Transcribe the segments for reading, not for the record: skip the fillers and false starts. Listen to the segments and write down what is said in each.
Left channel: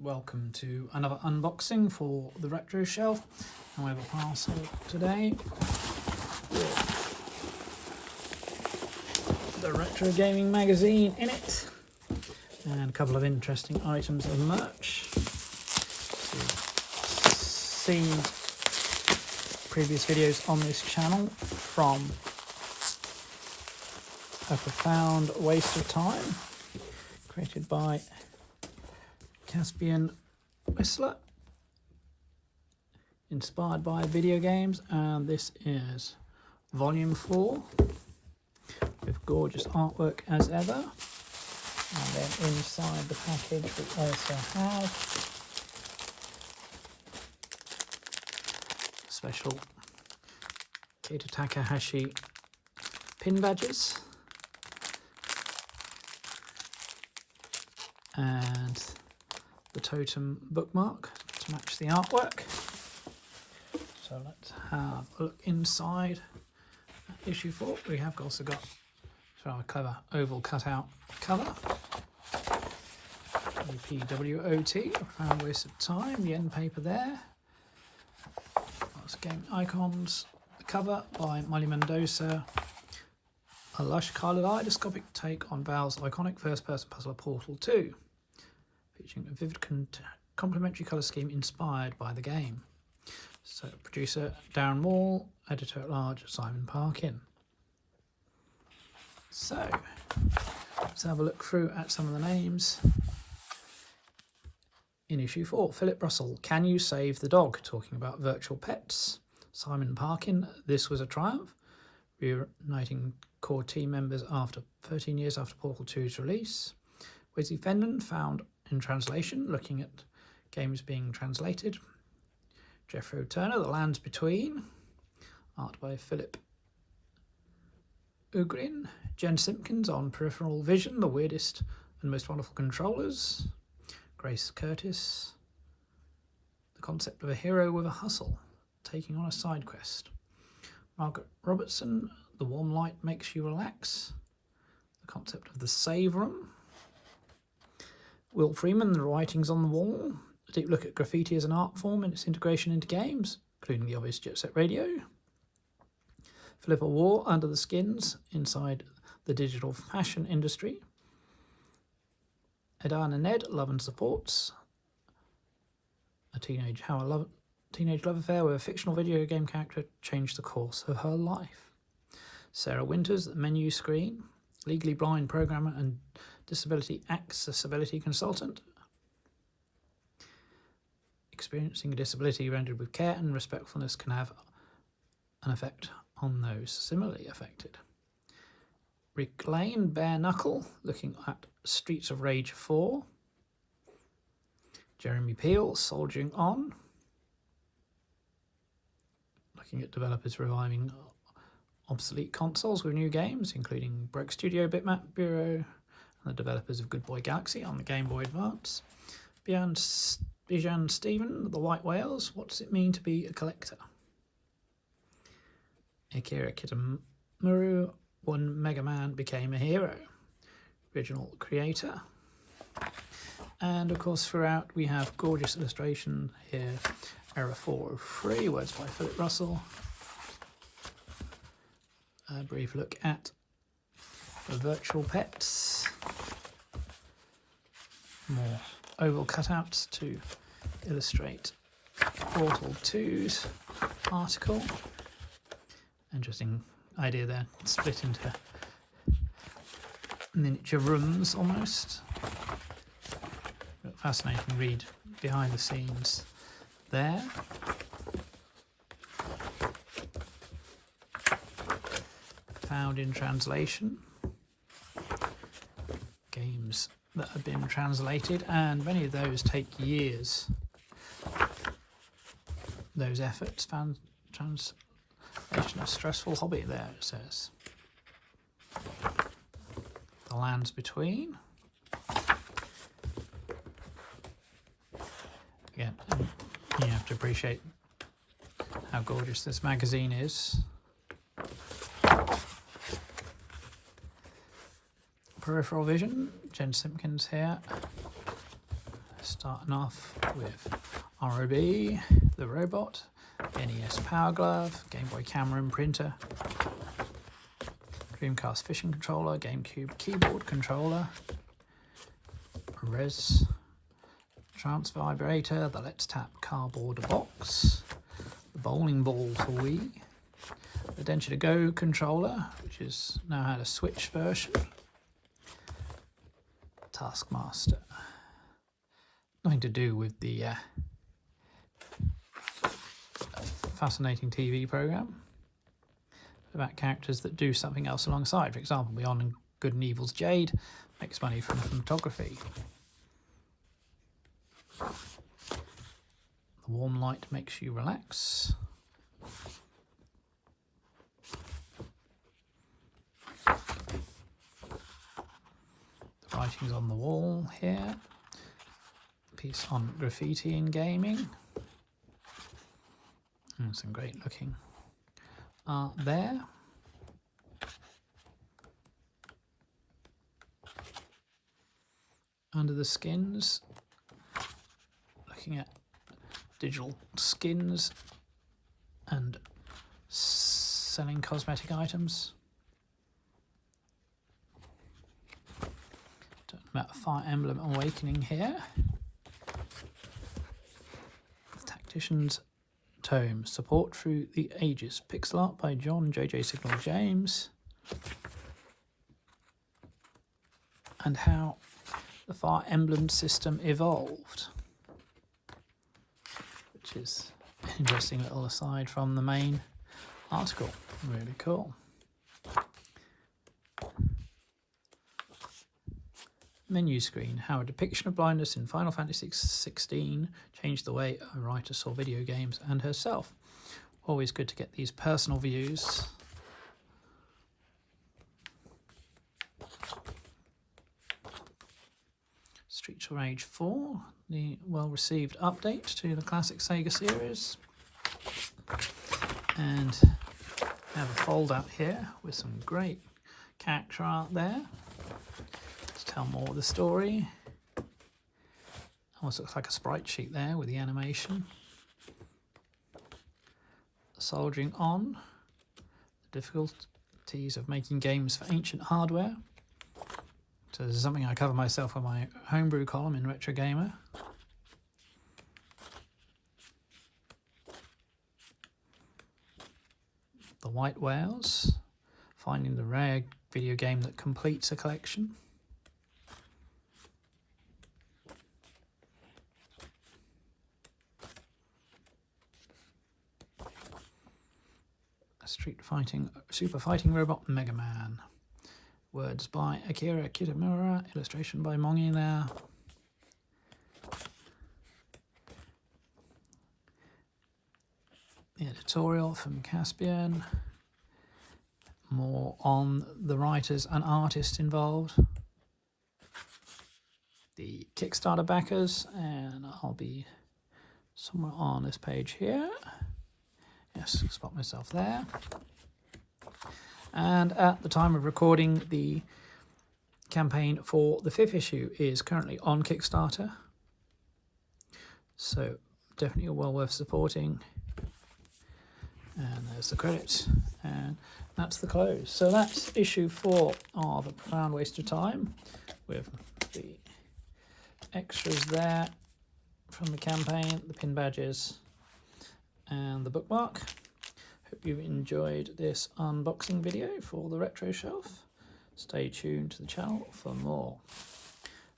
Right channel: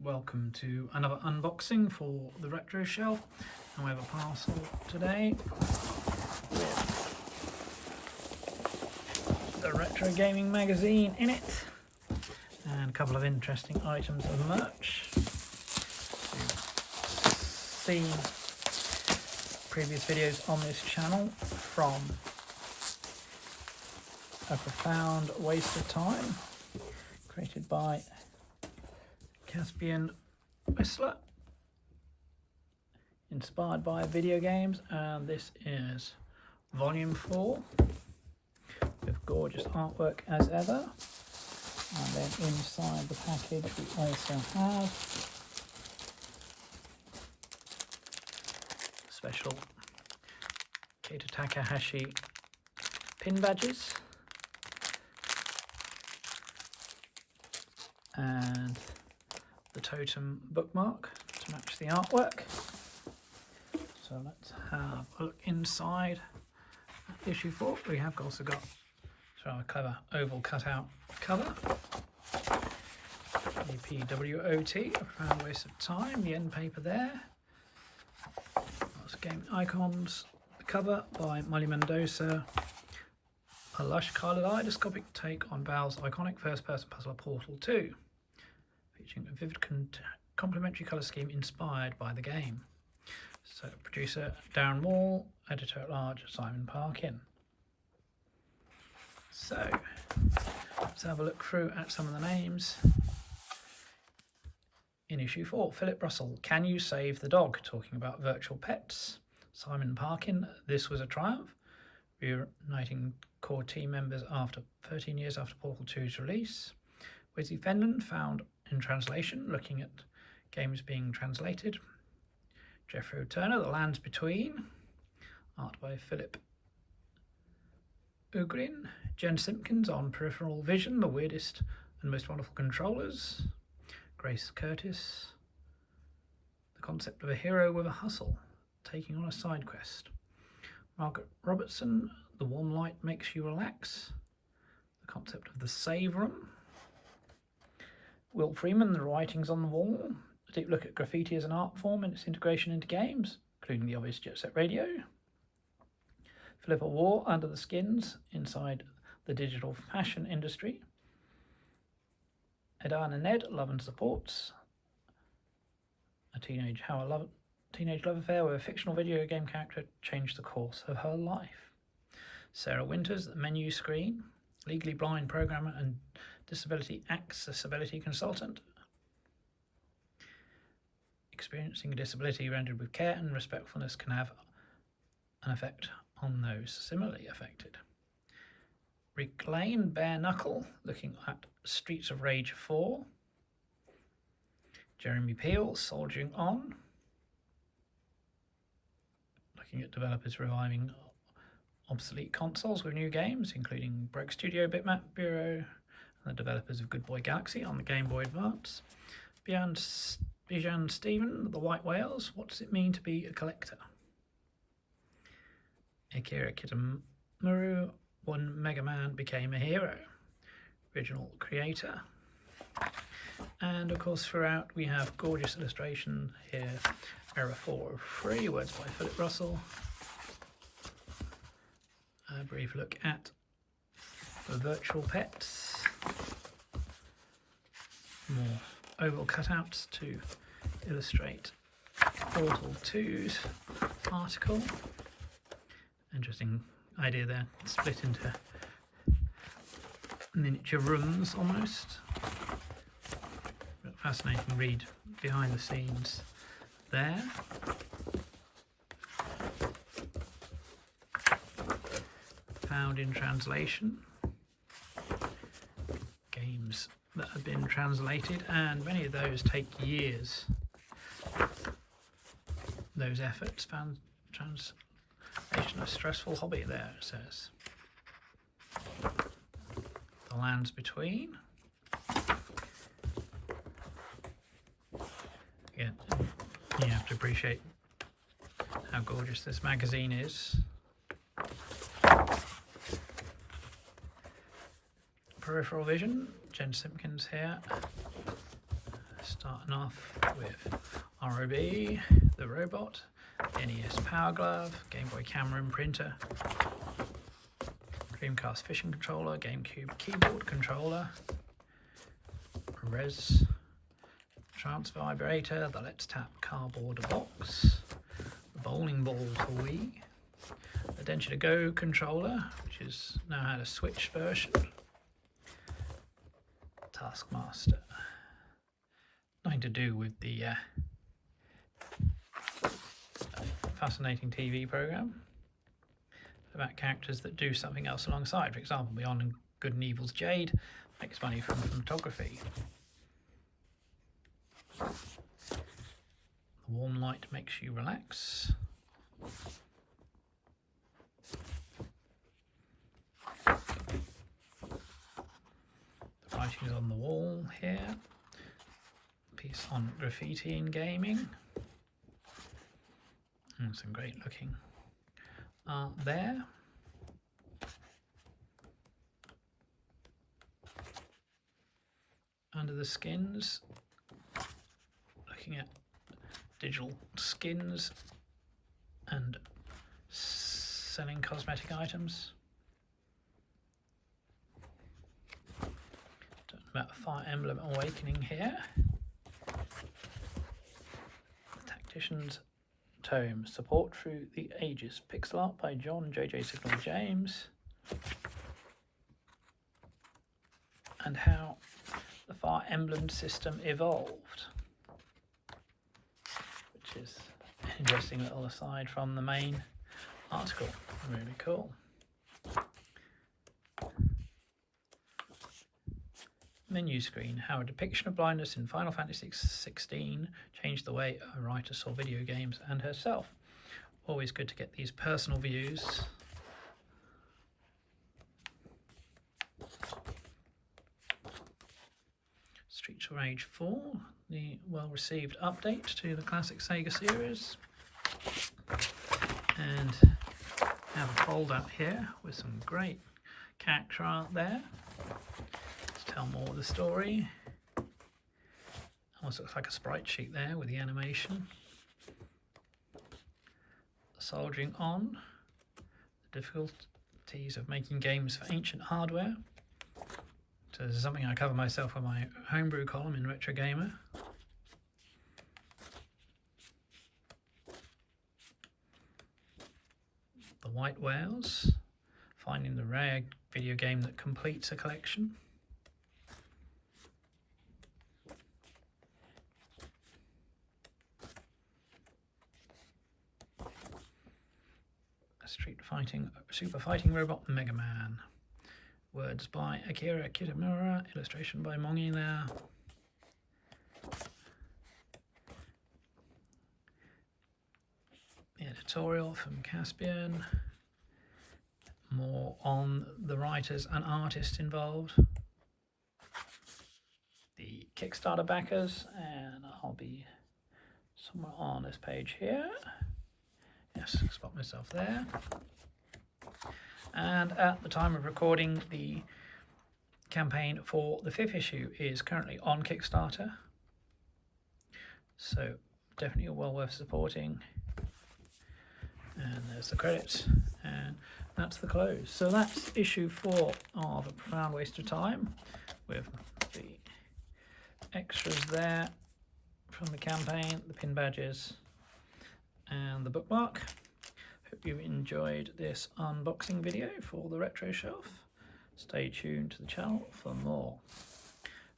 Welcome to another unboxing for the Retro Shelf, and we have a parcel today. The Retro Gaming magazine in it, and a couple of interesting items of merch. See previous videos on this channel from A Profound Waste of Time, created by Caspian Whistler, inspired by video games, and this is volume 4 with gorgeous artwork as ever. And then inside the package we also have special Keita Takahashi pin badges and the totem bookmark to match the artwork. So let's have a look inside issue 4. We have also got a clever oval cutout cover. PWOT, Profound Waste of Time, the end paper there. Lots of game icons. The cover by Molly Mendoza. A lush kaleidoscopic take on Valve's iconic first-person puzzler Portal 2. Featuring a vivid complementary colour scheme inspired by the game. So, producer Darren Wall, editor-at-large Simon Parkin. So, let's have a look through at some of the names. In issue 4, Philip Russell, Can You Save the Dog? Talking about virtual pets. Simon Parkin, This Was a Triumph. Reuniting core team members after 13 years after Portal 2's release. Wesley Fenton, Found in Translation, looking at games being translated. Jeffrey Turner, The Lands Between, art by Philip Ugrin. Jen Simpkins on Peripheral Vision, The Weirdest and Most Wonderful Controllers. Grace Curtis, The Concept of a Hero with a Hustle, taking on a side quest. Margaret Robertson, The Warm Light Makes You Relax, The Concept of the Save Room. Will Freeman, The Writings on the Wall, a deep look at graffiti as an art form and its integration into games, including the obvious Jet Set Radio. Philippa Waugh, Under the Skins, inside the digital fashion industry. Edan and Ned, Love and Supports, a teenage love affair where a fictional video game character changed the course of her life. Sarah Winters, The Menu Screen, legally blind programmer and disability accessibility consultant. Experiencing a disability rendered with care and respectfulness can have an effect on those similarly affected. Rick Lane, Bare Knuckle, looking at Streets of Rage 4. Jeremy Peel, Soldiering On, looking at developers reviving obsolete consoles with new games, including Broke Studio, Bitmap Bureau, and the developers of Good Boy Galaxy on the Game Boy Advance. Bijan Stephen, The White Whales, What Does It Mean to Be a Collector? Akira Kitamura, When Mega Man Became a Hero, original creator. And of course throughout we have gorgeous illustration here. Error 403, words by Philip Russell. A brief look at the virtual pets. More oval cutouts to illustrate Portal 2's article. Interesting idea there, split into miniature rooms almost. Fascinating read behind the scenes there. Found in translation. Games that have been translated, and many of those take years. Those efforts. Found translation, a stressful hobby there, it says. The Lands Between. appreciate how gorgeous this magazine is. Peripheral vision, Jen Simpkins here. Starting off with ROB, the robot, NES Power Glove, Game Boy camera and printer, Dreamcast fishing controller, GameCube keyboard controller, Res trance vibrator, the Let's Tap cardboard box, the bowling ball for Wii, the Denture to Go controller, which is now had a Switch version, Taskmaster. Nothing to do with the fascinating TV program about characters that do something else alongside. For example, Beyond Good and Evil's Jade makes money from photography. The warm light makes you relax. The writing's on the wall here. Piece on graffiti in gaming. And some great looking art there. Under the skins, looking at digital skins and selling cosmetic items. Talking about Fire Emblem Awakening here. Tactician's Tome, Support Through the Ages, pixel art by John J.J. Signal James, and how the Fire Emblem system evolved, which is an interesting little aside from the main article. Really cool. Menu screen, how a depiction of blindness in Final Fantasy XVI changed the way a writer saw video games and herself. Always good to get these personal views. Streets of Rage 4, the well-received update to the classic Sega series. And I have a fold-out here with some great character art there. Tell more of the story. Almost looks like a sprite sheet there with the animation. Soldiering on. The difficulties of making games for ancient hardware. So this is something I cover myself on my homebrew column in Retro Gamer. The White Whales. Finding the rare video game that completes a collection. Super Fighting Robot Mega Man. Words by Akira Kitamura, illustration by Mongi there. The editorial from Caspian. More on the writers and artists involved. The Kickstarter backers, and I'll be somewhere on this page here. Yes, spot myself there. And at the time of recording, the campaign for the 5th issue is currently on Kickstarter. So definitely well worth supporting. And there's the credits. And that's the close. So that's issue 4 of A Profound Waste of Time, with the extras there from the campaign, the pin badges, and the bookmark. Hope you've enjoyed this unboxing video for the Retro Shelf. Stay tuned to the channel for more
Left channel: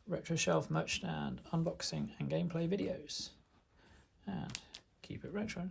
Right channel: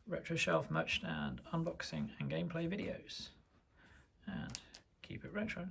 Retro Shelf merch stand unboxing and gameplay videos. And keep it retro.